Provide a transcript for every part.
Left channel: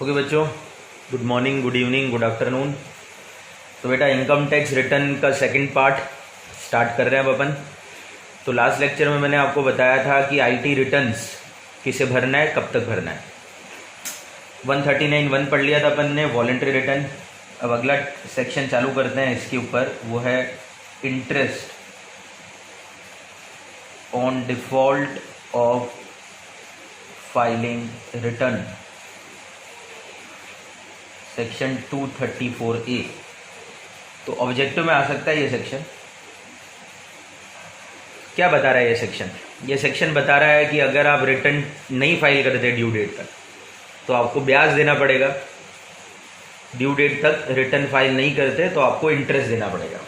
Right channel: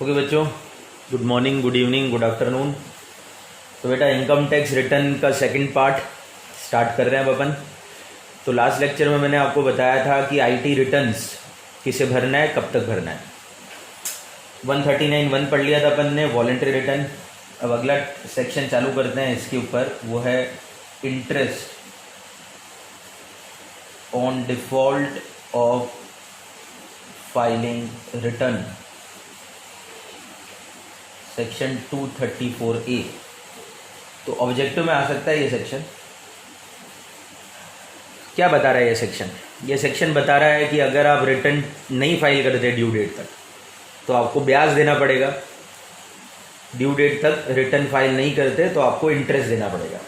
Okay बच्चों, good morning, good evening, good afternoon. तो बेटा इनकम टैक्स रिटर्न का सेकंड पार्ट स्टार्ट कर रहे हैं अब अपन। तो लास्ट लेक्चर में मैंने आपको बताया था कि आईटी रिटर्न्स किसे भरना है, कब तक भरना है। 139(1) पढ़ लिया था अपन ने, वॉलंटरी रिटर्न। अब अगला सेक्शन चालू करते हैं इसके ऊपर, वो है interest on default of filing return, section 234A। तो ऑब्जेक्टिव में आ सकता है ये सेक्शन। क्या बता रहा है ये सेक्शन? ये सेक्शन बता रहा है कि अगर आप रिटर्न नहीं फाइल करते ड्यू डेट तक तो आपको ब्याज देना पड़ेगा। ड्यू डेट तक रिटर्न फाइल नहीं करते तो आपको इंटरेस्ट देना पड़ेगा।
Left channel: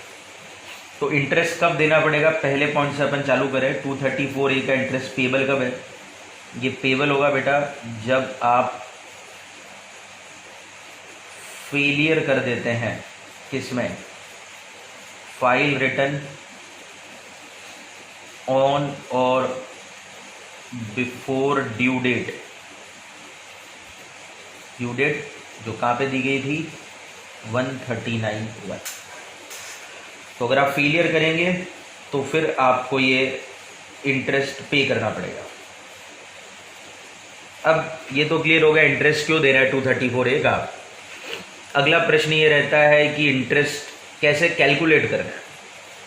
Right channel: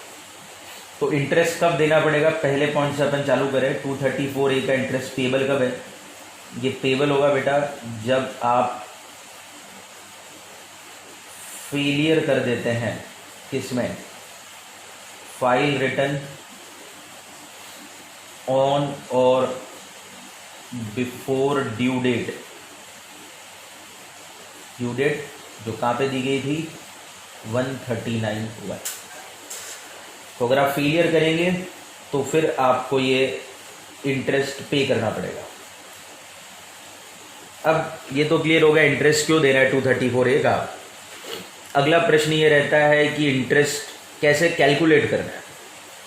तो इंटरेस्ट कब देना पड़ेगा? पहले पॉइंट से अपन चालू करें। 234A का इंटरेस्ट पेबल कब है? ये पेबल होगा बेटा जब आप फेलियर कर देते हैं। किसमें? File return on or before due date. Due date जो कहाँ पे दी गई थी? 139(1). तो अगर आप फेलियर करेंगे तो फिर आपको ये इंटरेस्ट पे करना पड़ेगा। अब ये तो क्लियर हो गया इंटरेस्ट क्यों दे रहा है 234A का। अगला प्रश्न ये रहता है कि इंटरेस्ट कैसे कैलकुलेट करना है।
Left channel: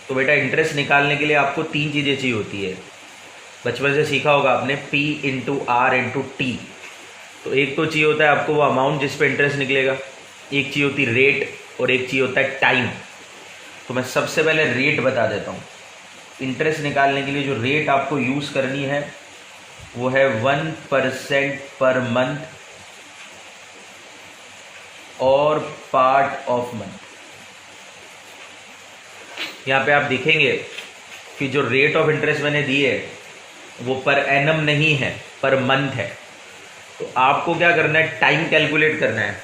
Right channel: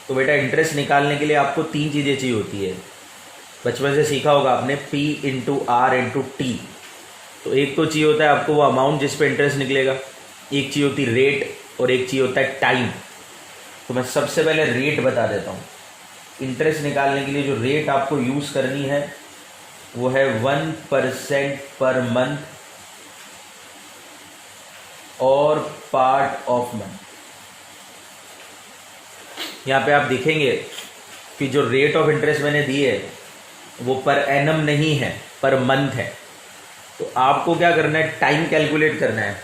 तो बेटा इंटरेस्ट निकालने के लिए आपको तीन चीज़ें चाहिए होती है। बचपन से सीखा होगा आपने, P × R × T। तो एक तो चाहिए होता है आपको वो अमाउंट जिस पे इंटरेस्ट निकलेगा, एक चाहिए होती रेट और एक चाहिए होता है टाइम। तो मैं सबसे पहले रेट बता देता हूँ। इंटरेस्ट निकालने के लिए जो रेट आपको यूज़ करनी है वो है 1% पर मंथ और पार्ट ऑफ मंथ। यहाँ पे आप देखेंगे कि जो रेट ऑफ इंटरेस्ट मैंने दी है वो पर एनम नहीं है, पर मंथ है। तो आपको क्या करना है? टाइम कैलकुलेट करना है।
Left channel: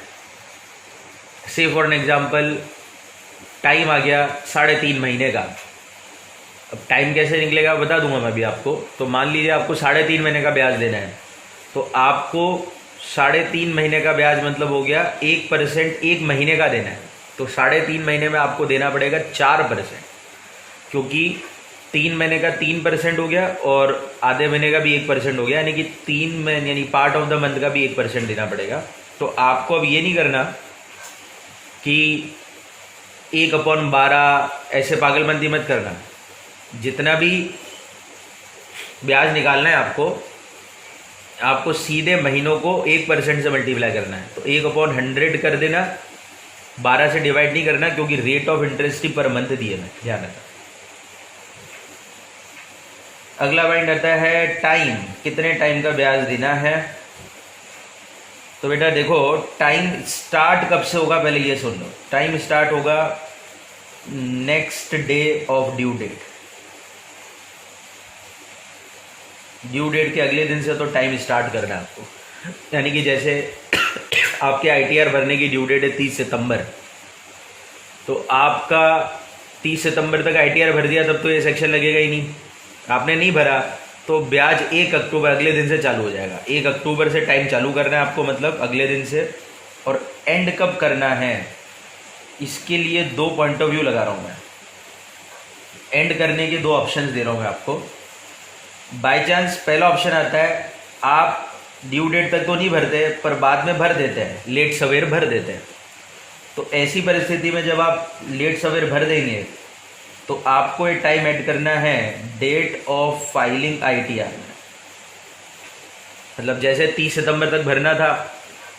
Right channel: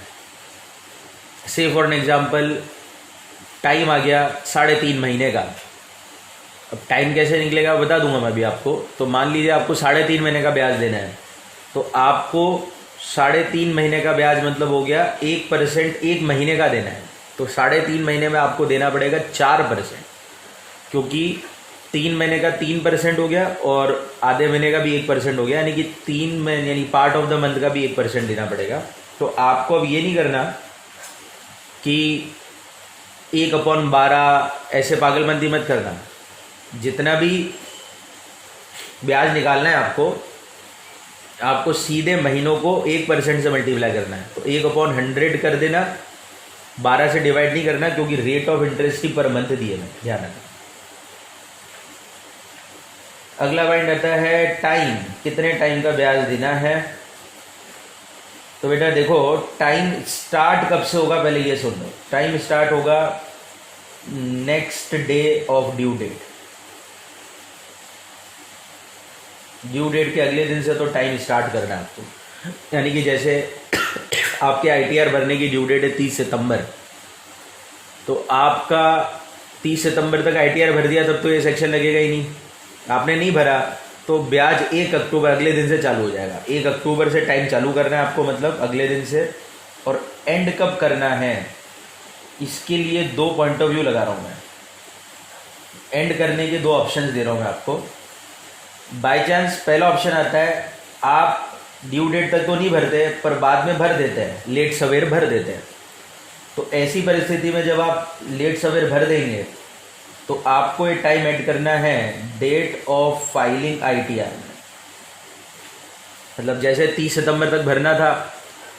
से फॉर एन एग्जाम्पल टाइम आ गया 3.5 महीने का। अब टाइम कैसे निकलेगा बता दूंगा मैं अभी आपको। तो मान लीजिए आपको 3.5 महीने का ब्याज देना है, तो आपको 3.5 महीने का ब्याज मतलब हो गया 1% 1 महीने का देना है। तो 3.5 महीने में आपको देना पड़ेगा 4%, क्योंकि 3 महीने का 3% हो गया और आधे महीने का भी 1% हो गया, यानी कि 3 महीने यानी पार्ट ऑफ द मंथ का भी 1% देना पड़ेगा। तो आपको अब ये नहीं करना कि 1/12 ऐसे पागलमंदी मत करना। जितना भी ब्याज निकालना है आपको सीधे महीनों को 1% से मल्टीप्लाई करना है। तो 1/100 कर देना, 12 से डिवाइड नहीं करना, क्योंकि rate of interest he per month दिए मैं, ध्यान रखना। अगला पॉइंट आता है टाइम। कितने टाइम का ब्याज देना है? तो बेटा देखो, टाइम स्टार्ट कब से होगा पहले ये सुन लो। टाइम स्टार्ट होगा next day of due date. Due date के अगले दिन से तो टाइम स्टार्ट करना है आपको। यानी कि जैसे आपके आईटीआर भरने की ड्यू डेट है 30 सितंबर, तो आपका 30 सितंबर तक आईटीआर भर दिया तब तो ये सेक्शन लगेगा ही नहीं। आपने नहीं भरा तो ब्याज 1 अक्टूबर अगले दिन से चालू हो जाएगा। 1 अक्टूबर से टाइम चालू करना है आपको, मतलब अगले दिन से। और एंड कब करना है इसके लिए 2 पॉइंट ऑफ व्यू लगा रहा हूँ मैं। एंड करने के 2 ऑप्शन दे रहा हूँ मैं आपको। बाय चांस पहला ऑप्शन आता है, आप ड्यू डेट तक तो नहीं भरते पर बाद में भर देते हैं, लेट सवेर भर देते हैं। तो ऐसी परिस्थिति में जब आप लेट सवेर भर देंगे तो आपको ये टाइम ऐड करना है डेट ऑफ फाइलिंग आईटीआर। मतलब जैसे 30 सितंबर तक भरना था,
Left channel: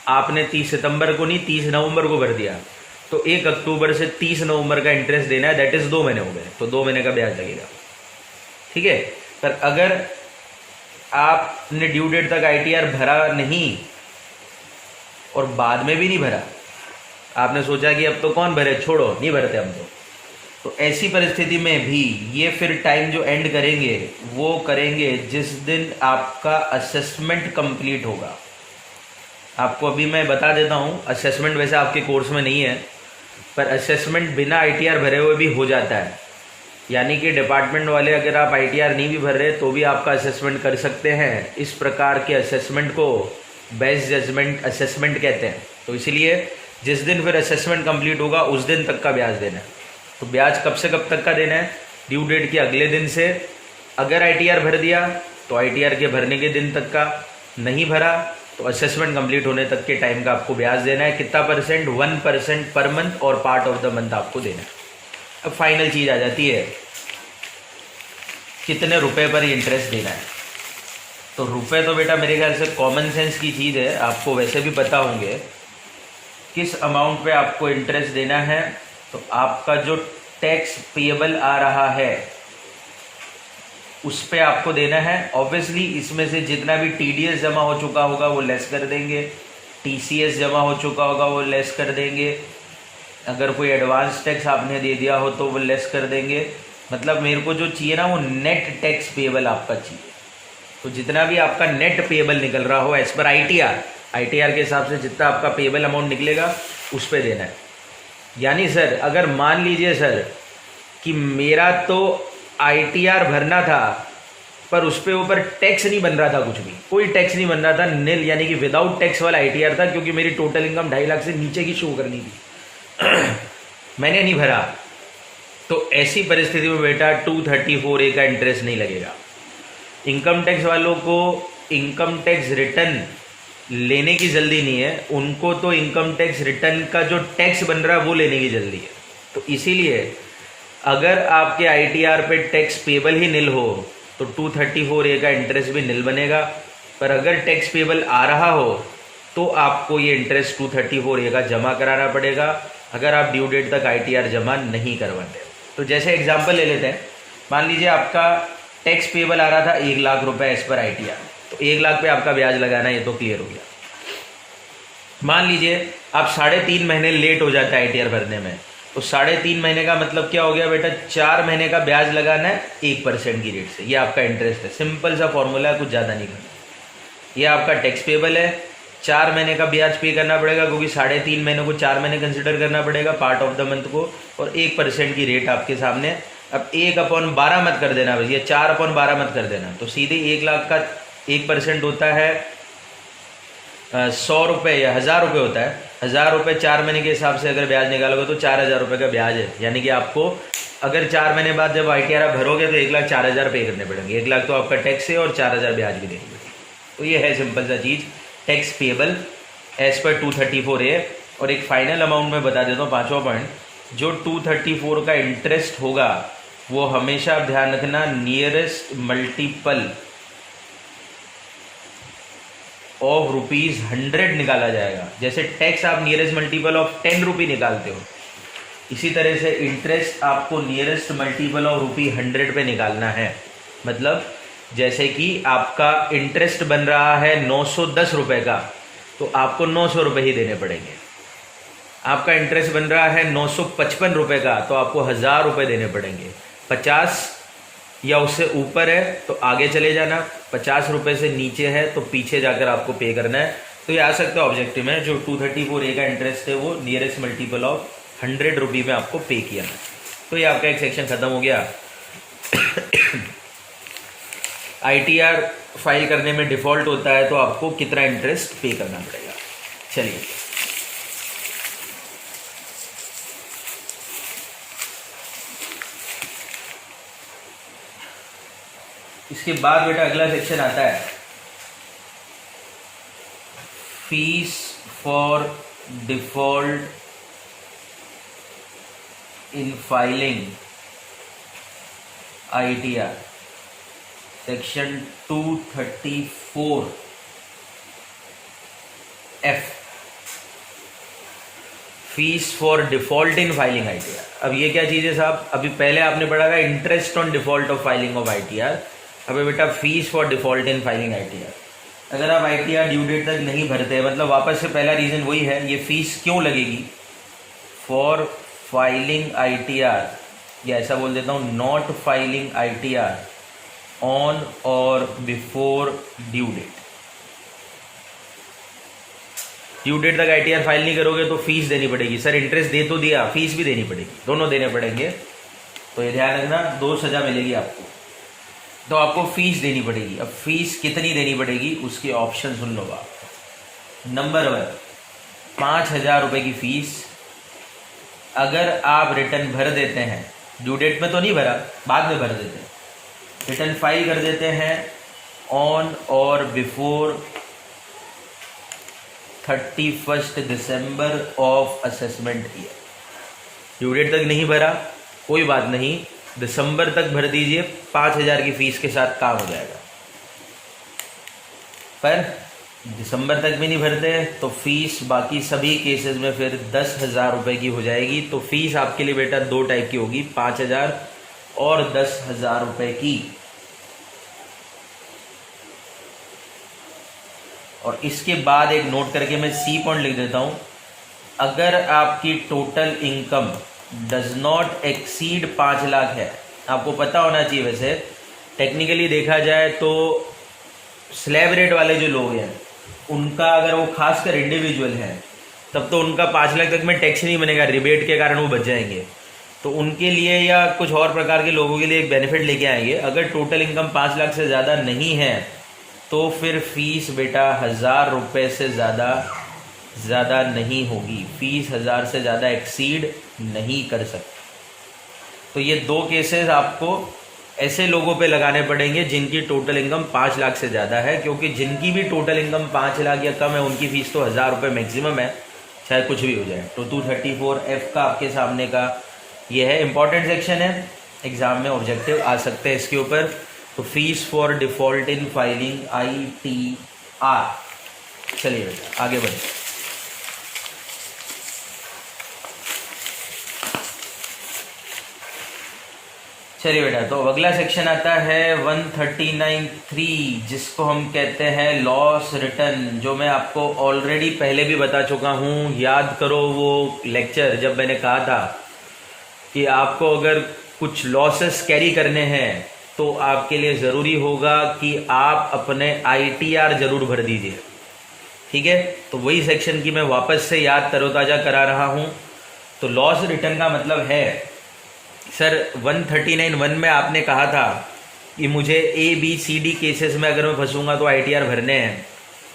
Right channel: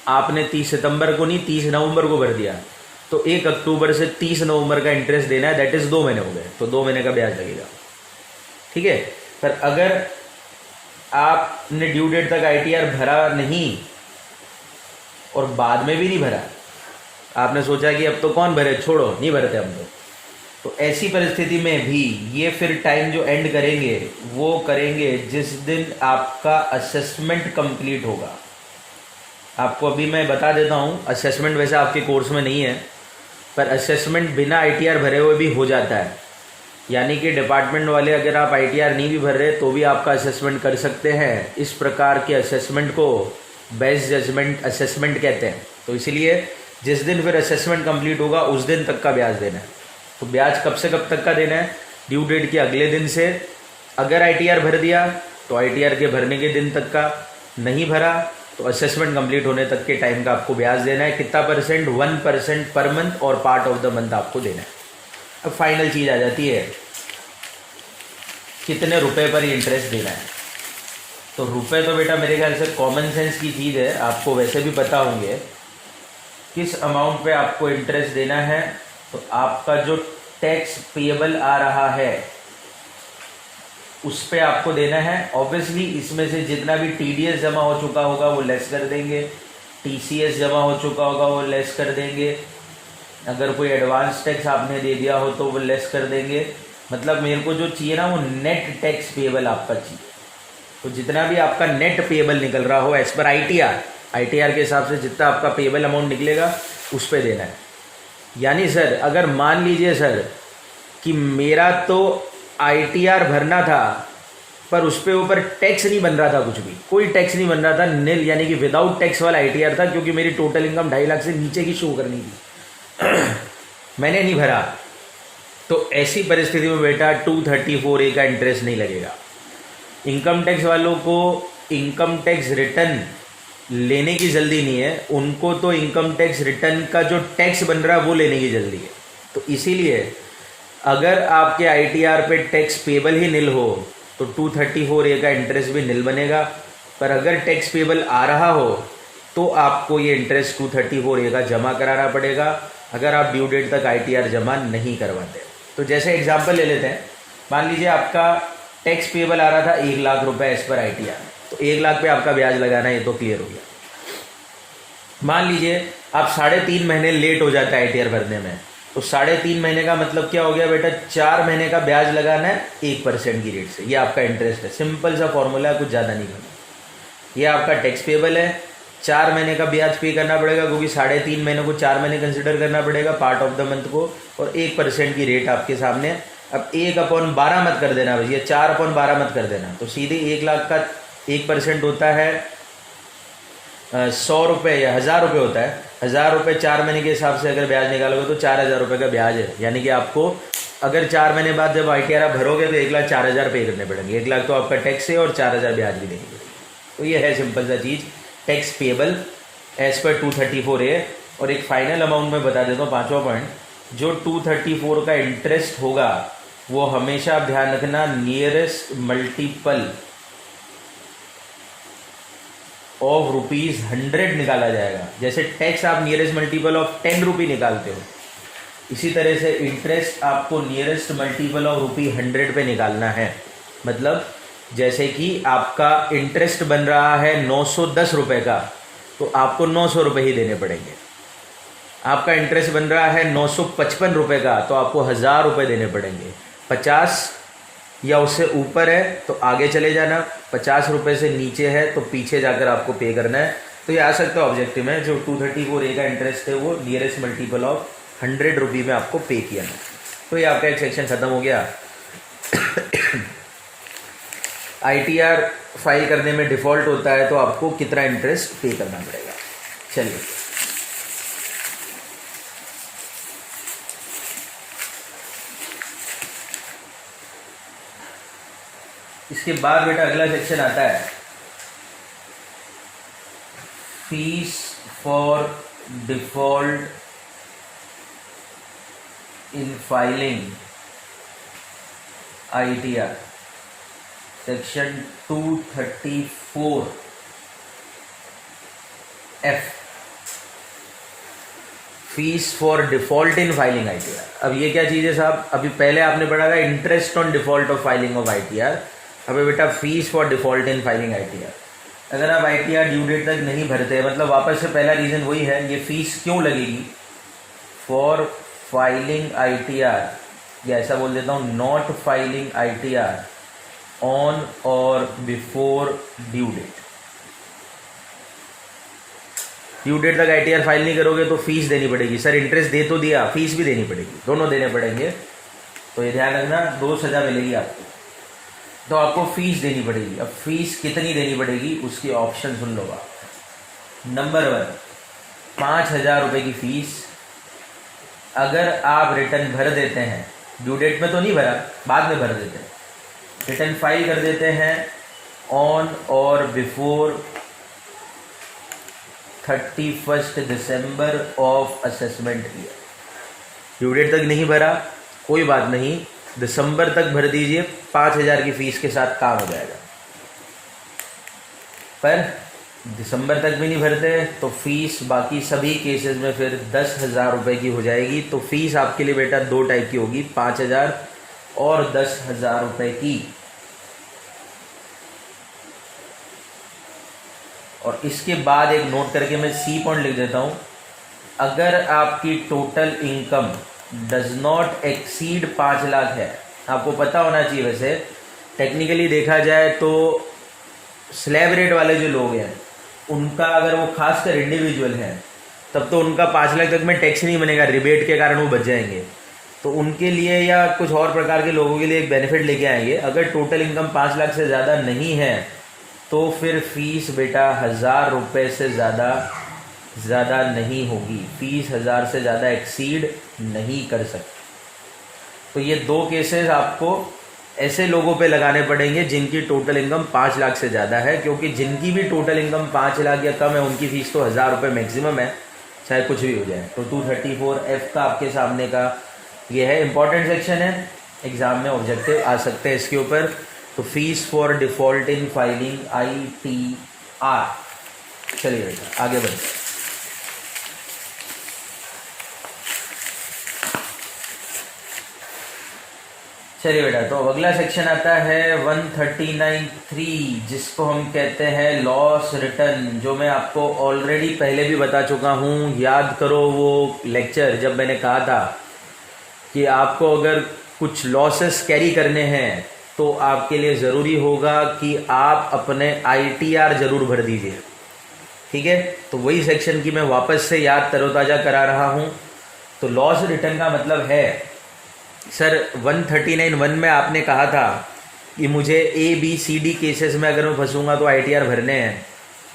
आपने 30 सितंबर को नहीं 30 नवंबर को भर दिया, तो 1 अक्टूबर से 30 नवंबर का इंटरेस्ट देना है। दैट इज 2 महीने हो गए, तो 2 महीने का ब्याज लगेगा। ठीक है। पर अगर आपने ड्यू डेट तक आईटीआर भरा नहीं और बाद में भी नहीं भरा, आपने सोचा कि अब तो कौन भरे, छोड़ो नहीं भरते हम तो ऐसी परिस्थिति में भी ये फिर टाइम जो एंड करेंगे वो करेंगे जिस दिन आपका असेसमेंट कंप्लीट होगा। आपको अभी मैं बता देता हूँ, असेसमेंट वैसे आपके कोर्स में नहीं है, पर असेसमेंट बिना आईटीआर भरे हुए भी हो जाता है। यानी कि डिपार्टमेंट वाले अगर आप आईटीआर नहीं भी भर रहे तो भी आपका असेसमेंट कर सकते हैं। इस प्रकार के असेसमेंट को बेस्ट जजमेंट असेसमेंट कहते हैं। तो इसीलिए जिस दिन फिर असेसमेंट कंप्लीट होगा उस दिन तक का ब्याज देना है। तो ब्याज कब से कब तक का देना है? ड्यू डेट के अगले दिन से। अगर आईटीआर भर दिया तो आईटीआर के भरने के दिन तक का, नहीं भरा तो असेसमेंट कंप्लीट होने तक के टाइम का आपको ब्याज देना है। कितना परसेंट? 1% पर मंथ और पार्ट ऑफ द मंथ आपको देना है। अब फाइनल चीज आ जाती है कितने रुपए पर इंटरेस्ट देना है। तो रुपए तो बेटा मेरे ख्याल से कॉमन सेंस की चीज़ है, आपको वैसे भी पता होंगे किस अमाउंट पे आपको इंटरेस्ट देना है। तो आपका जो टैक्स पेएबल आ रहा है उस पे आपको देना है। ऑब्वियसली इसमें से जितना भी टीडीएस जमा हो चुका होगा वो लेस कर देंगे, टीसीएस जमा हो चुका होगा वो लेस कर देंगे, अगर कोई एडवांस टैक्स आपने दे दिया हो तो वो लेस कर देंगे। मतलब मेरे को जो चाहिए ना वो नेट टैक्स पेएबल आपका चाहिए। तो जितना भी आपका नेट पेएबल निकल रहा हो एज पर आईटीआर के हिसाब से जितना आपका पेएबल अमाउंट निकलेगा उस पर देना है। यानी सर अगर मान लीजिए सर कि मेरा तो आईटीआर भरना था पर उस पे ऊपर टैक्स नहीं बन रहा था, कुछ भी कोई टैक्स नहीं बन रहा था, नील यानी कि विदाउट टैक्स वाला आईटीआर था, क्योंकि मेरी टोटल इनकम 2.5 लाख से नीचे की शो करनी थी मैंने नहीं भरा। तो ऐसी परिस्थिति में बेटा 234A का इंटरेस्ट नहीं लगेगा। इनकम टैक्स वालों को इनकम टैक्स रिटर्न लेने की जल्दी नहीं है, उनको तो इनकम टैक्स रिटर्न का जो टैक्स बन रहा है वो लेने की जल्दी है। तो इसीलिए अगर आपके आईटीआर पे टैक्स पेबल ही नील हो तो 234A का इंटरेस्ट भी नील बनेगा। पर अगर टैक्स पेबल आ रहा हो तो आपको ये इंटरेस्ट 234A का जमा कराना पड़ेगा, अगर आप ड्यू डेट तक आईटीआर जमा नहीं करवाते। तो जैसे एग्जांपल ले लेते हैं, मान लीजिए आपका टैक्स पेबल आ रहा था 1 लाख रुपए एज पर आईटीआर, तो 1 लाख पे आपका ब्याज लगाना है, ये तो क्लियर हो गया। मान लीजिए आप 3.5 महीने लेट हो जाता है आईटीआर भरने में, तो 3.5 महीने का मतलब क्या हो गया बेटा? 4 महीने का ब्याज लगाना है 1% की रेट से। ये आपका इंटरेस्ट है, सिंपल सा फॉर्मूला है, कुछ ज़्यादा नहीं करना। ये आपका टैक्स पेबल है, 4 महीने का ब्याज पे करना पड़ेगा, क्योंकि 3.5 महीने को 4 महीने कंसिडर करना पड़ेगा पार्ट ऑफ द मंथ को, और 1% की रेट आपके सामने। अब 1/12 मत कर देना भैया, 4/12 मत कर देना। तो सीधे 1 लाख का 1% होता है 100 रुपये या 1000 रुपये होता है। 1000 रुपये 4 महीने के हिसाब से अगर ब्याज निकालोगे तो 4000 रुपये का ब्याज है। यानी कि आपको अगर 4 महीने बाद जब आईटीआर आप भरोगे तो 1,04,000 पे करने पड़ेंगे। 1 लाख तो आपका टैक्स है और 4000 ब्याज भी देनी पड़ेगी। तो ये है सिंपल सा चीज़, tax payable as per 234A। और एक फाइनल अमाउंट में बता देता हूँ, 5वां पॉइंट, जो 234 का इंटरेस्ट होगा वो हमेशा ध्यान रखना नियरेस्ट मल्टीपल ऑफ ₹100 निकाला जाएगा। जैसे टैक्स आप नियरेस्ट मल्टीपल ऑफ 10 रुपये निकालते हो, इसी तरह से इंटरेस्ट आपको नियरेस्ट मल्टीपल ऑफ ₹100 पे निकालना है। मतलब जैसे कि आपका इंटरेस्ट बन रहा है 910 रुपये का, तो आपको 900 रुपये ही देने पड़ेंगे। आपका इंटरेस्ट बन रहा है 955 रुपये का, तो आपको 1000 रुपये देने पड़ेंगे। 50 या उससे ऊपर है तो आगे चले जाना, 50 रुपये से नीचे है तो पीछे जाकर आपको पे करना है। तो ये आ सकता है ऑब्जेक्टिव में, जो 234A का इंटरेस्ट है वो नियरेस्ट मल्टीपल ऑफ 100 रुपये में आपको पे किया है। तो ये आपका एक सेक्शन खत्म हो गया। आईटीआर फाइल करने में डिफॉल्ट होता है तो आपको कितना इंटरेस्ट पे करना पड़ेगा। चलिए इसके बाद बेटा अगला सेक्शन आता है fees for default in filing ITR, section 234F। Fees for default in filing ITR. अब ये क्या चीज़ है साहब? अभी पहले आपने पढ़ा था interest on default of filing of ITR, अभी बेटा fees for default in filing ITR. अगर आप आईटीआर ड्यू डेट तक नहीं भरते, मतलब वापस से पहला रीजन वही है, ये फीस क्यों लगेगी? फॉर फाइलिंग आईटीआर, या ऐसा बोल देता हूँ not filing ITR on or before due date. Due date तक आईटीआर फाइल नहीं करोगे तो फीस देनी पड़ेगी। सर इंटरेस्ट दे तो दिया, फीस भी देनी पड़ेगी, दोनों देने पड़ेंगे। तो ये ध्यान रखना, 2 सजा मिलेगी आपको, तो आपको फीस देनी पड़ेगी। अब फीस कितनी देनी पड़ेगी उसके ऑप्शन सुन लो आप। नंबर 1, 5,000 रुपये की फीस अगर आप रिटर्न भर देते हैं, ड्यू डेट में तो नहीं भरा, बाद में भर देते हैं, रिटर्न फाइल कर देते हैं on or before 31 December of assessment year. Due date तक नहीं भरा, कोई बात नहीं, दिसंबर तक भर दीजिए, 5,000 की फीस के साथ काम हो जाएगा। पर दिसंबर तक भी नहीं भरते तो फीस बाकी सभी केसेस में फिर 10,000 रुपये की हो जाएगी। तो फीस आपके लिए बेटा 2 टाइप की होगी, 5,000 और 10,000 रुपये की। और इसके बाद एक नोट करके मैं सी पॉइंट लिख देता हूं, अगर आपकी total income does not exceed 5 lakh है, आपको पता होना चाहिए, वैसे टेक्निकली देखा जाए तो स्लैब रेट वाले जो लोग हैं उनका, अगर वो खासकर इंडिविजुअल हैं, तब तो उनका 5 लाख तक में टैक्स नहीं बनेगा, रिबेट के कारण वो बच जाएंगे। तो उनके लिए या कुछ और प्रकार के लोगों के लिए बेनिफिट लेके आएंगे। अगर टोटल इनकम 5 लाख से ज़्यादा नहीं है तो फिर फीस बेटा 1,000 रुपये से ज़्यादा नहीं होगी, फीस 1,000 से ज़्यादा एक्सीड नहीं कर सकते। तो ये 2 केसेस आपको ऐसे लोगों पे लगाने पड़ेंगे जिनकी टोटल इनकम 5 लाख से ज़्यादा है, क्योंकि जिनकी भी टोटल इनकम 5 लाख या कम है उनकी फीस तो 1,000 रुपये मैक्सिमम है, चाहे कुछ भी हो जाए। तो 234F का आपके सामने का ये है, इंपॉर्टेंट सेक्शन है, एग्जाम में ऑब्जेक्टिव आ सकते हैं इसके ऊपर। तो fees for default in filing ITR। चलिए आगे बढ़े। चलिए बेटा, तो अगला सेक्शन आता है 139(3), जिसको हम कहते हैं लॉस रिटर्न, जो मैं आपको ऑलरेडी पहले भी बता चुका हूँ। याद करो वो लेक्चर जब मैंने कहा था कि आपको अगर कुछ लॉसेस कैरी करने हैं तो आपके लिए ज़रूरी होगा कि आप अपने ITR जरूर भर दीजिए, ठीक है। तो वही सेक्शन की मैं वापस से याद तरोताज़ा करा रहा हूँ। तो लॉस रिटर्न का मतलब है, सर 139(1) में आपने कहा था कि मुझे ABCD केसेस में अगर मैं फंसूंगा तो ITR भरने हैं।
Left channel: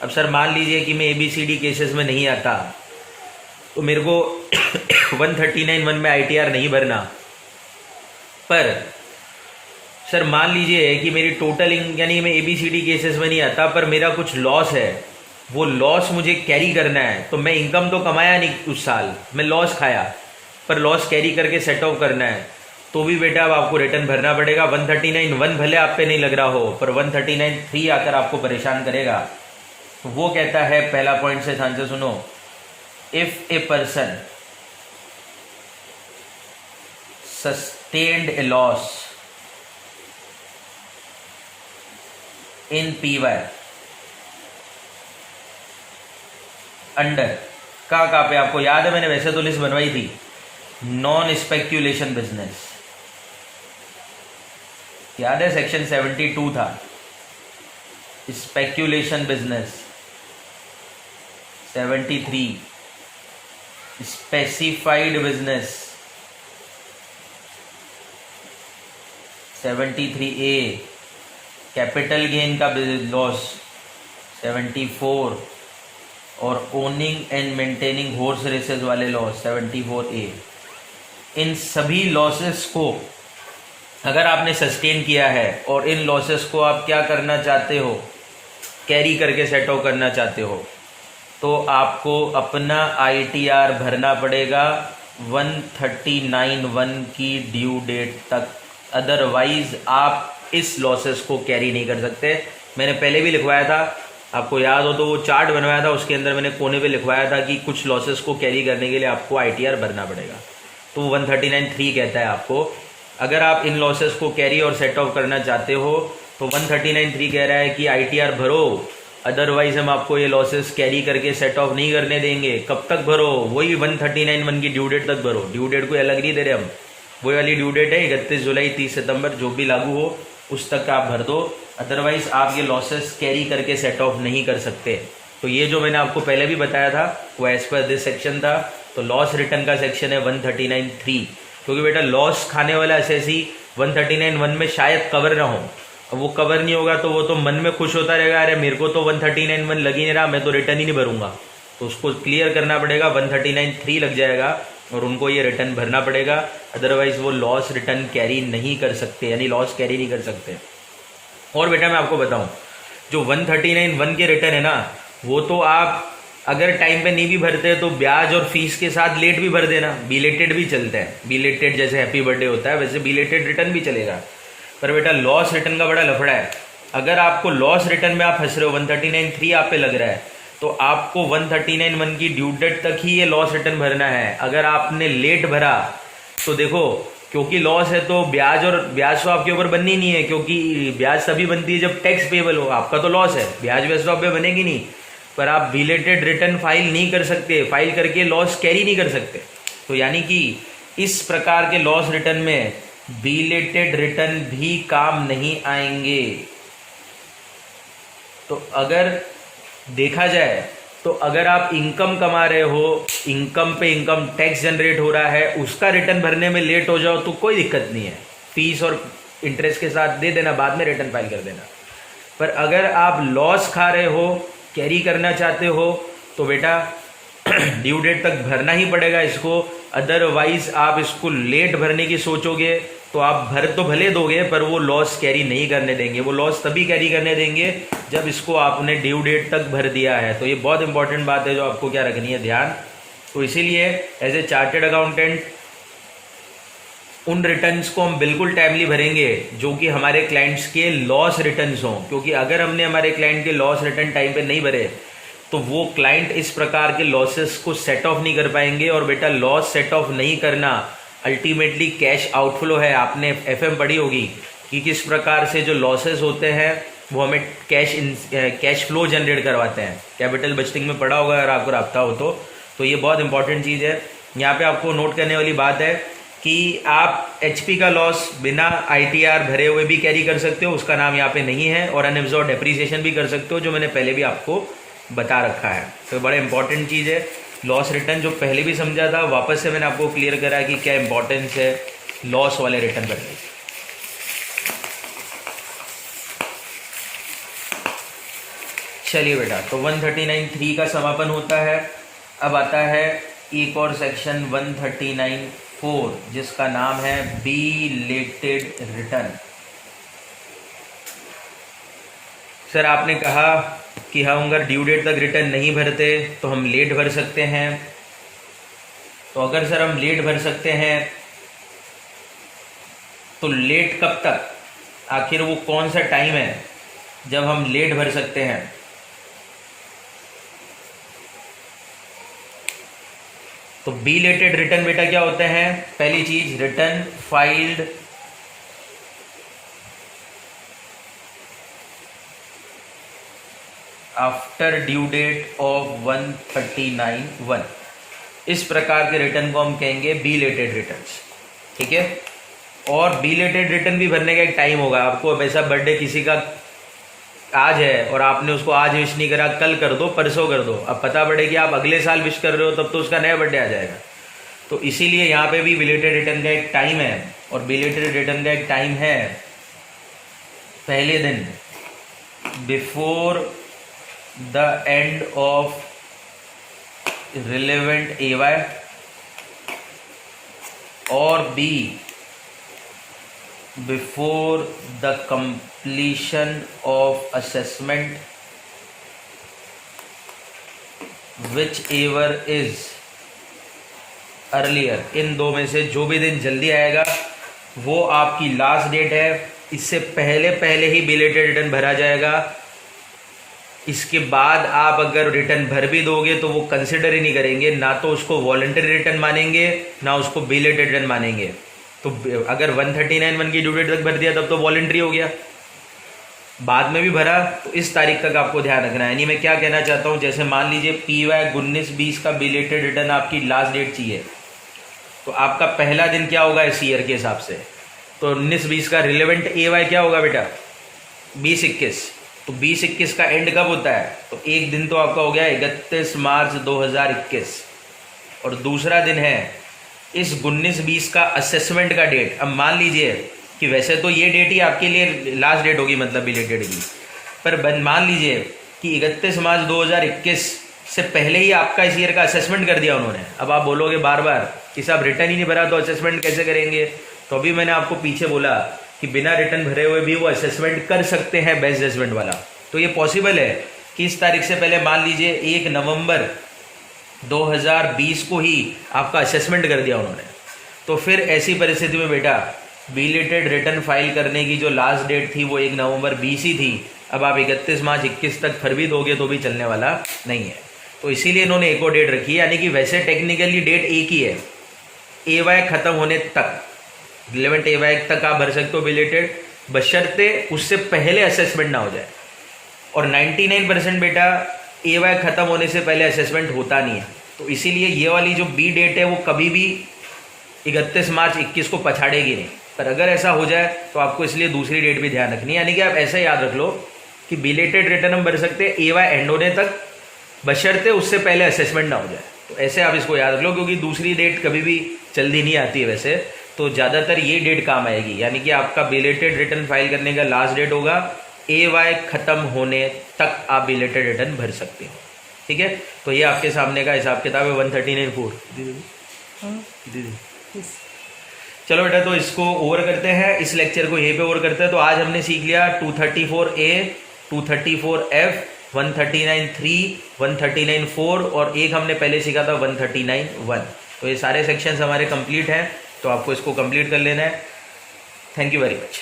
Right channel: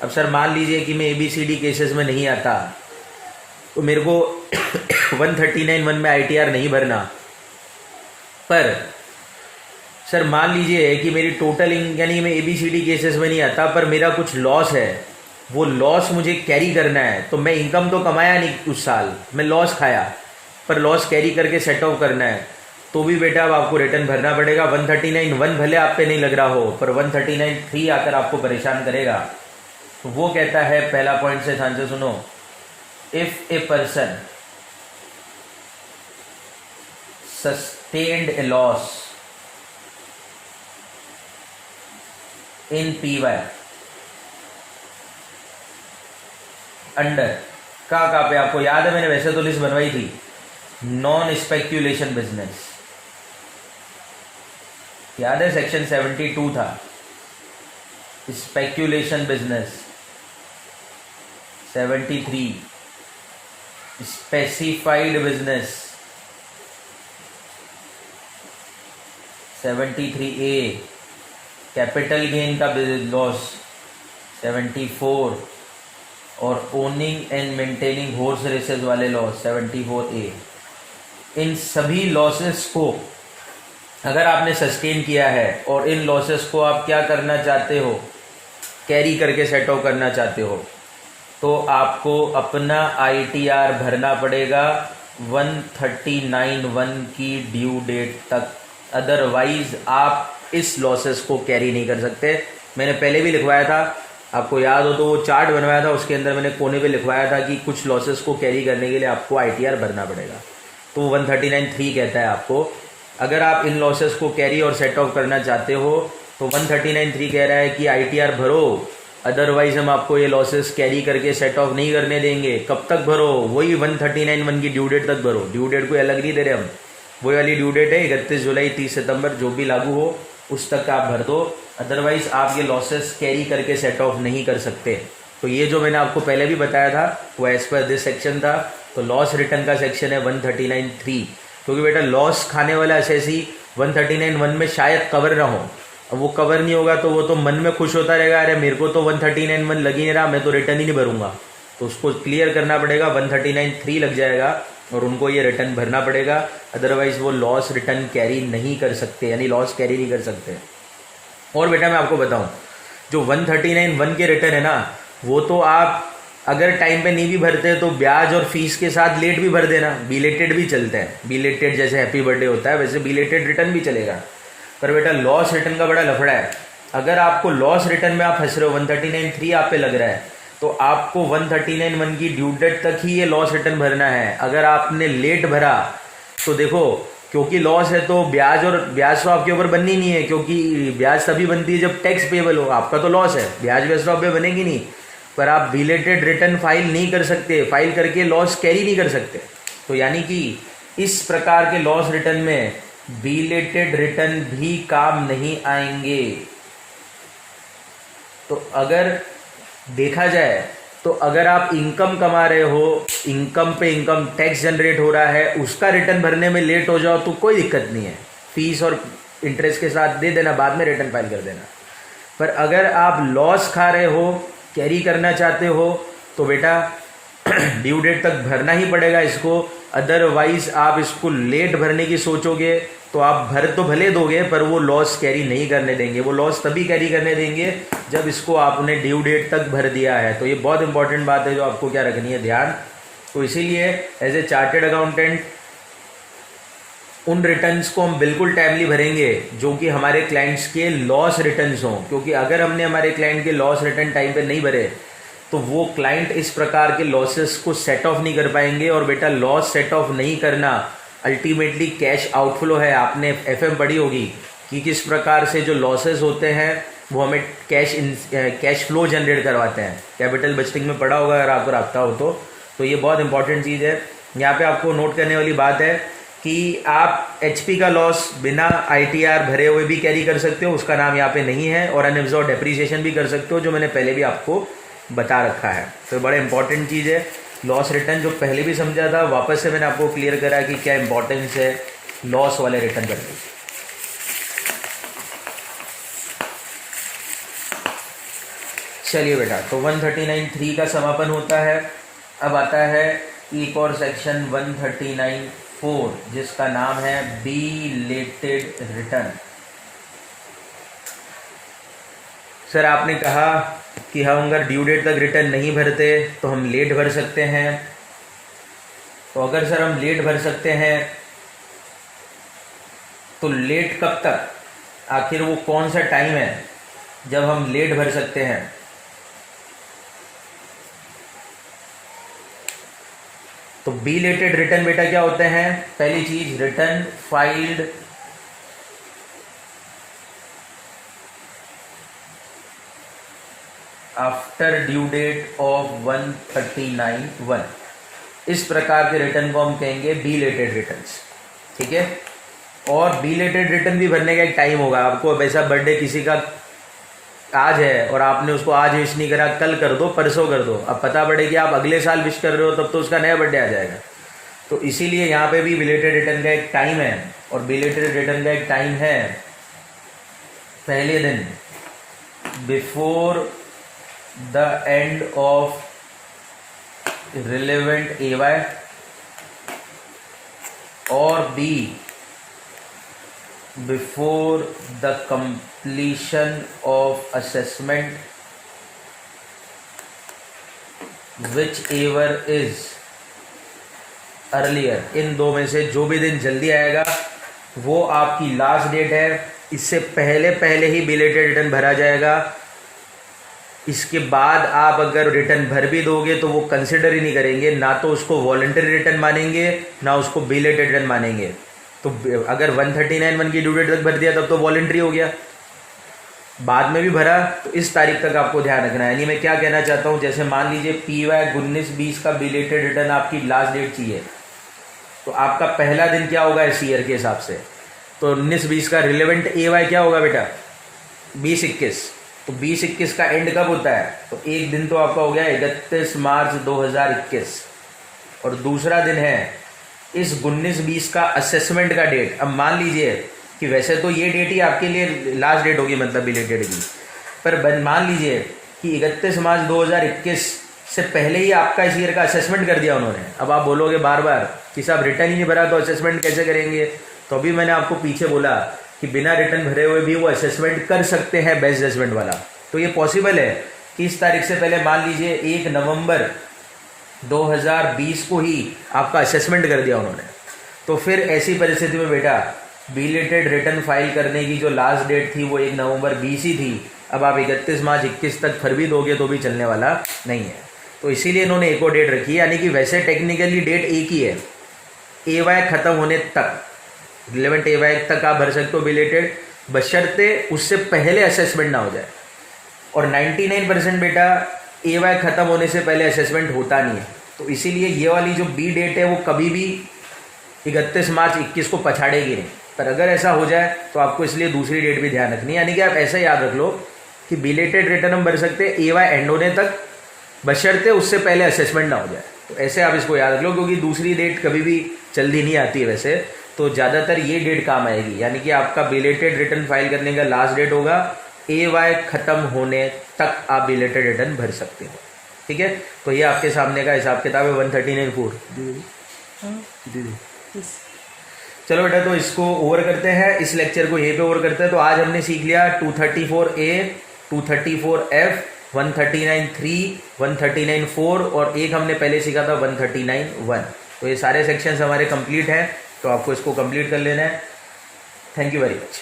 अब सर मान लीजिए कि मैं ABCD केसेस में नहीं आता तो मेरे को 139(1) में ITR नहीं भरना। पर सर मान लीजिए कि मेरी टोटल यानी मैं ABCD केसेस में नहीं आता पर मेरा कुछ लॉस है, वो लॉस मुझे कैरी करना है। तो मैं इनकम तो कमाया नहीं उस साल, मैं लॉस खाया, पर लॉस कैरी करके सेट ऑफ करना है, तो भी बेटा अब आपको रिटर्न भरना पड़ेगा। 139(1) भले आप पे नहीं लग रहा हो, पर 139(3) आकर आपको परेशान करेगा। तो वो कहता है, पहला पॉइंट से ध्यान से सुनो, if a person sustained A loss in PY under कहाँ पे आपको याद है, मैंने वैसे तो लिस्ट बनवाई थी, नॉन स्पेक्यूलेशन बिजनेस, याद है सेक्शन 72 था, speculation business 73, specified business 73A, capital gain का लॉस 74, और owning and maintaining horse races वाले लॉस 74A। इन सभी लॉसेस को अगर आपने सस्टेन किया है और इन लॉसेस को आप क्या करना चाहते हो, कैरी करके सेट ऑफ करना चाहते हो, तो आपको अपना ITR भरना पड़ेगा 139(1) की ड्यू डेट तक, अदरवाइज आप इस लॉसेस को कैरी नहीं कर सकते। मैंने पहले भी लिखवाया था, आपको याद हो तो वो चार्ट बनवाया था, उसके अंदर मैंने कोने पे लिखवाया था कि कुछ लॉसेस को कैरी करने के लिए आपको ITR भरना पड़ेगा। तो 139(3) कहता है आपको, अगर आप इन लॉसेस को कैरी और सेट ऑफ करना चाहते हो तो 139(3) कह रहा है कि ITR भरो, अदरवाइज हम आपको ये लॉसेस कैरी करके सेट ऑफ नहीं करने देंगे। कब तक भरो, वही 139(1) की ड्यू डेट तक भरो, ड्यू डेट कोई अलग नहीं दे रहे हम, वही वाली ड्यू डेट है 31 जुलाई 30 सितंबर जो भी लागू हो उस तक आप भर दो, अदरवाइज आप ये लॉसेस कैरी करके सेट ऑफ नहीं कर सकते। तो ये जो मैंने आपको पहले भी बताया था वो एज पर दिस सेक्शन था। तो लॉस रिटर्न का सेक्शन है 139(3), क्योंकि बेटा लॉस खाने वाला एसएससी 139(1) में शायद कवर ना हो, अब वो कवर नहीं होगा तो वो तो मन में खुश होता रहेगा, अरे मेरे को तो 139(1) लग ही नहीं रहा, मैं तो रिटर्न ही नहीं भरूंगा। तो उसको क्लियर करना पड़ेगा, 139(3) लग जाएगा और उनको ये रिटर्न भरना पड़ेगा, अदरवाइज वो लॉस रिटर्न कैरी नहीं कर सकते, यानी लॉस कैरी नहीं कर सकते। और बेटा मैं आपको बताऊं, जो 139(1) के रिटर्न है ना, वो तो आप अगर टाइम पे नहीं भी भरते तो ब्याज और फीस के साथ लेट भी भर देना, बिलेटेड भी चलते हैं। बिलेटेड जैसे हैप्पी बर्थडे होता है वैसे बिलेटेड रिटर्न भी चलेगा। पर बेटा लॉस रिटर्न का बड़ा लफड़ा है। अगर आपको लॉस रिटर्न में आप फंस रहे हो, 139(3) आप पे लग रहा है, तो आपको 139(1) की ड्यू डेट तक ही ये लॉस रिटर्न भरना है। अगर आपने लेट भरा तो देखो, क्योंकि लॉस है तो ब्याज तो आपके ऊपर बननी नहीं है, क्योंकि ब्याज तभी बनती है जब टैक्स पेबल हो। आपका तो लॉस है, ब्याज वैसे तो आप पे बनेगी नहीं, पर आप बिलेटेड रिटर्न फाइल नहीं कर सकते, फाइल करके लॉस कैरी नहीं कर सकते। तो यानी कि इस प्रकार के लॉस रिटर्न में बिलेटेड रिटर्न भी काम नहीं आएंगे। तो अगर देखा जाए तो अगर आप इनकम कमा रहे हो, इनकम पे इनकम टैक्स जनरेट हो रहा है, उसका रिटर्न भरने में लेट हो जाओ तो कोई दिक्कत नहीं है, फीस और इंटरेस्ट के साथ दे देना, बाद में रिटर्न फाइल कर देना। पर अगर आप लॉस खा रहे हो, कैरी करना चाहते हो, तो बेटा ड्यू डेट तक भरना ही पड़ेगा इसको। अदरवाइज आप इसको लेट भरने की सोचोगे तो आप भर तो भले दोगे पर वो लॉस कैरी नहीं करने देंगे। वो लॉस तभी कैरी करने देंगे जब इसको आपने ड्यू डेट तक भर दिया है। तो ये बहुत इंपॉर्टेंट बात है जो आपको क्या रखनी है ध्यान। तो इसीलिए एज ए चार्टेड अकाउंटेंट उन रिटर्न्स को हम बिल्कुल टाइमली भरेंगे जो कि हमारे क्लाइंट्स के लॉस रिटर्न्स हों, क्योंकि अगर हमने हमारे क्लाइंट के लॉस रिटर्न टाइम पे नहीं भरे तो वो क्लाइंट इस प्रकार के लॉसेस को सेट ऑफ नहीं कर पाएंगे। और बेटा लॉस सेट ऑफ नहीं करना अल्टीमेटली कैश आउटफ्लो है। आपने एफएम पढ़ी होगी कि किस प्रकार से जो लॉसेस होते हैं वो हमें कैश फ्लो जनरेट करवाते हैं। कैपिटल बजटिंग में पढ़ा होगा अगर आपको रखता हो तो ये बहुत इंपॉर्टेंट चीज़ है। यहाँ पे आपको नोट करने वाली बात है कि आप एचपी का लॉस बिना आईटीआर भरे हुए भी कैरी कर सकते हो, उसका नाम यहाँ पे नहीं है, और अनएब्जॉर्ब डेप्रिसिएशन भी कर सकते हो, जो मैंने पहले भी आपको बता रखा है। तो बड़ा इंपॉर्टेंट चीज़ है लॉस रिटर्न, जो पहले भी समझा था वापस से मैंने आपको क्लियर करा कि क्या इंपॉर्टेंस है लॉस वाले रिटर्न करने की। चलिए बेटा, तो 139(3) का समापन होता है। अब आता है एक और सेक्शन 139(4 जिसका नाम है बिलेटेड रिटर्न। सर आपने कहा कि हम अगर ड्यू डेट तक रिटर्न नहीं भरते तो हम लेट भर सकते हैं। तो अगर सर हम लेट भर सकते हैं तो लेट कब तक, आखिर वो कौन सा टाइम है जब हम लेट भर सकते हैं। तो बिलेटेड रिटर्न बेटा क्या होते हैं, पहली चीज return filed after due date of 139(1). इस प्रकार के रिटर्न को हम कहेंगे बिलेटेड रिटर्न्स, ठीक है। और बिलेटेड रिटर्न भी भरने का एक टाइम होगा। आपको वैसा बर्थडे किसी का आज है और आपने उसको आज विश नहीं करा, कल कर दो, परसों कर दो, अब पता पड़े कि आप अगले साल विश कर रहे हो तब तो उसका नया बर्थडे आ जाएगा। तो इसीलिए यहाँ पे भी बिलेटेड रिटर्न का एक टाइम है, और बिलेटेड रिटर्न का एक टाइम है पहले दिन before the end of relevant AY, और B before the completion of assessment, whichever is earlier। इन दो में से जो भी दिन जल्दी आएगा वो आपकी लास्ट डेट है। इससे पहले पहले ही बिलेटेड रिटर्न भरा जाएगा। इसके बाद आप अगर रिटर्न भर भी दोगे तो वो कंसिडर ही नहीं करेंगे, ना तो उसको वॉलंटरी रिटर्न मानेंगे ना उसको बिलेटेड रिटर्न मानेंगे। तो अगर 139(1) की ड्यू डेट तक भर दिया तब तो वॉलंटरी हो गया, बाद में भी भरा तो इस तारीख तक आपको ध्यान रखना है। यानी मैं क्या कहना चाहता हूं, जैसे मान लीजिए PY 19-20 का बिलेटेड रिटर्न आपकी लास्ट डेट चाहिए, तो आपका पहला दिन क्या होगा इस ईयर के हिसाब से, तो 19-20 का रिलेवेंट AY क्या होगा बेटा 20-21। तो 20-21 का एंड कब होता है, तो एक दिन तो आपका हो गया 31 मार्च 2021, और दूसरा दिन है इस 19-20 का असेसमेंट का डेट। अब मान लीजिए कि वैसे तो ये डेट ही आपके लिए लास्ट डेट होगी, मतलब बिलेटेड की, पर मान लीजिए कि 31 मार्च 2021 से पहले ही आपका इस ईयर का असेसमेंट कर दिया उन्होंने। अब आप बोलोगे बार बार कि साहब रिटर्न ही नहीं भरा तो असेसमेंट कैसे करेंगे? तो अभी मैंने आपको पीछे बोला कि बिना रिटर्न भरे हुए भी वो असेसमेंट कर सकते हैं बेस्ट जजमेंट वाला। तो ये पॉसिबल है कि इस तारीख से पहले मान लीजिए 1 नवंबर 2020 को ही आपका असेसमेंट कर दिया उन्होंने, तो फिर ऐसी परिस्थिति में बेटा बिलेटेड रिटर्न फाइल करने की जो लास्ट डेट थी वो 1 नवंबर 20 ही थी। अब आप 31 मार्च 21 तक फिर भी दोगे तो भी चलने वाला नहीं है। तो इसीलिए इन्होंने एक और डेट रखी है, यानी कि वैसे टेक्निकली डेट एक ही है, AY खत्म होने तक, रिलेवेंट AY तक आप भर सकते हो बिलेटेड, बशर्ते उससे पहले असेसमेंट ना हो जाए। और 99% बेटा AY खत्म होने से पहले असेसमेंट होता नहीं है। तो इसीलिए ये वाली जो B डेट है वो कभी भी 31 मार्च 21 को पछाड़ेगी नहीं। पर अगर ऐसा हो जाए तो आपको इसलिए दूसरी डेट भी ध्यान रखनी है, यानी कि आप ऐसा याद रख लो कि बिलेटेड रिटर्न हम भर सकते हैं AY एंड होने तक, बशर्ते उससे पहले असेसमेंट ना हो जाए। तो ऐसे आप इसको याद रख लो, क्योंकि दूसरी डेट कभी भी जल्दी नहीं आती है वैसे, तो ज़्यादातर ये डेट काम आएगी। यानी कि आपका बिलेटेड रिटर्न फाइल करने का लास्ट डेट होगा AY खत्म होने तक आप बिलेटेड रिटर्न भर सकते हो। ठीक है, तो ये आपके सामने का हिसाब किताब है 139(4). चलो बेटा, तो इसको ओवर करते हैं, इस लेक्चर को यहीं पे ओवर करते हैं। तो आज हमने सीख लिया 234A, 234F, 139(3), 139(4 और एक हमने पहले सीखा था 139(1). तो ये सारे सेक्शंस हमारे कंप्लीट हैं, तो आपको इसको कंप्लीट कर लेना है। Thank you very much.